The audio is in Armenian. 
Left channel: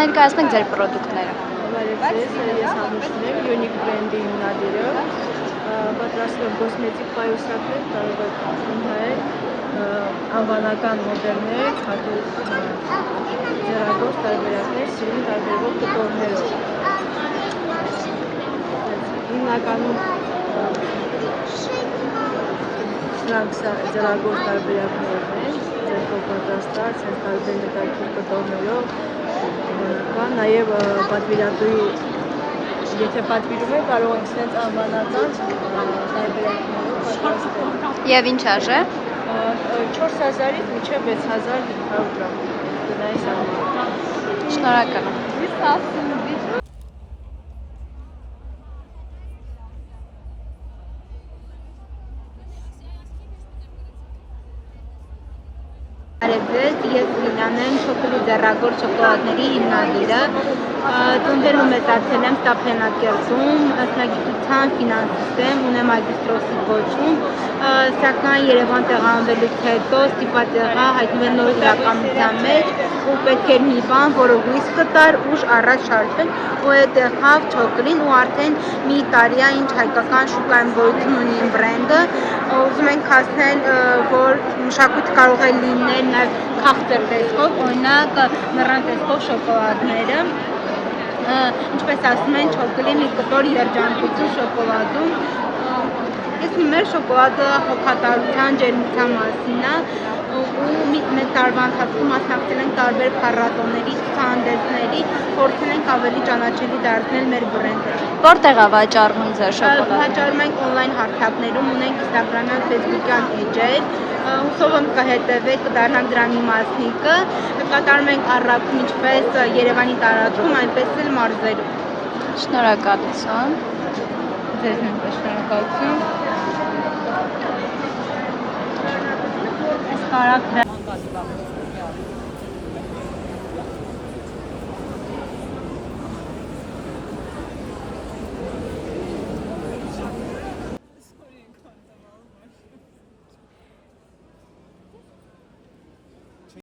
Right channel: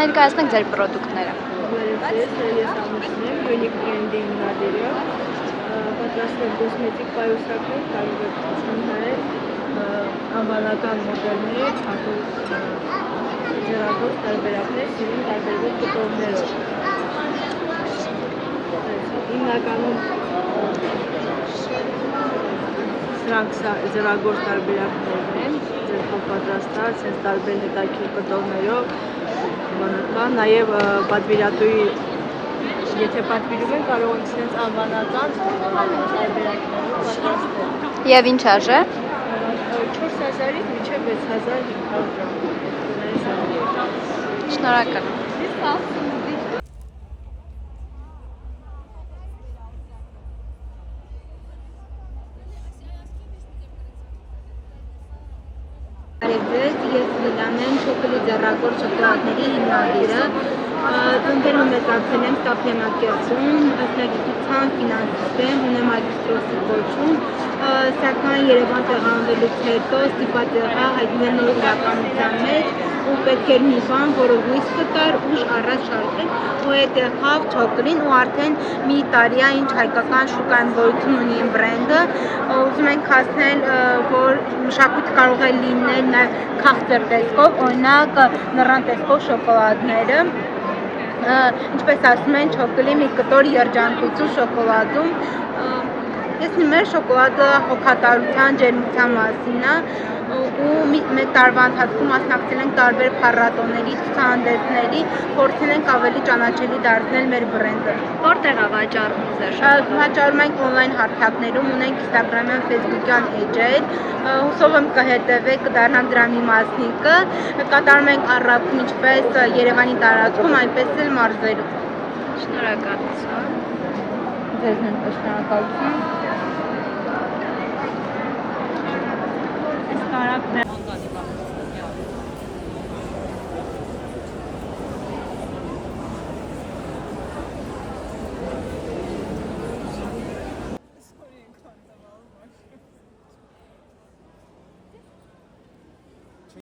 Ներկայացնեք ձեր պրոդուկտները։ Բարև ձեզ, ես Ամուշն եմ, Unique Brand-ի հիմնադիրը, պատրաստում եմ կոսմետիկ պայուսակներ, կարող եք ընդհայել անվանական մոդելներ, հատուկ ձեռագործ տարբերակներ, սիրուն տարբերվող կտորներով։ Հիմնականում սրանք ձեռագործ տարբերակներն են, ձեր պատրաստած, են տարբեր հետաքրքիր կտորներով, նաև պատվիրատուի, եթե պատվիրում են, կարող ենք սենց անվանական տարբերակներով պատրաստել։ Եվ ինչ արժե։ 4000-ից մինչև 6500 դրամ գնային սահման։ Շնորհակալ եմ։ Բարև ձեզ, ես Լիլան եմ, Չոկոլի ձեռագործ շոկոլադների հիմնադիրը, ծնվել ու մեծացել եմ Ստեփանակերտում, մասնագիտության ֆինանսիստ եմ, ունեմ մագիստրոսի կոչում, սակայն Երևան տեղանվելուց հետո ստիպված եղա հայտնվել նոր իրականության մեջ ու պետք էր մի բան, որը հույս կտար ուժ առաջ շարժել, ու այդ եղավ Չոկոլին, ու արդեն մի տարի է ինչ հայկական շուկայում գոյություն ունի իմ բրենդը, ուզում ենք հասնել, որ մշակույթ կարող է լինել նաև քաղցր տեսքով, օրինակ նռան տեսքով շոկոլադները, ինչպես ասում են, Չոկոլի մի կտոր երջանկություն շոկոլադում։ Ես մեր շոկոլադը հոգատարության, ջերմության մասին է, ու մեկ տարվա ընթացքում մասնակցել ենք տարբեր փառատոների, ցուցահանդեսների, փորձել ենք ավելի ճանաչելի դարձնել մեր բրենդը։ Որտեղ է վաճառվում ձեր շոկոլադը։ Վաճառում ենք on-line հարթակներում, ունենք Instagram-յան, Facebook-յան էջեր, հուսով եմ կհետևեք, կդառնամ դրա մի մասնիկը, կատարում ենք առաքում ինչպես Երևանի տարածքում, այնպես էլ մարզերում։ Շնորհակալություն։ Ձեզ նույնպես շնորհակալություն։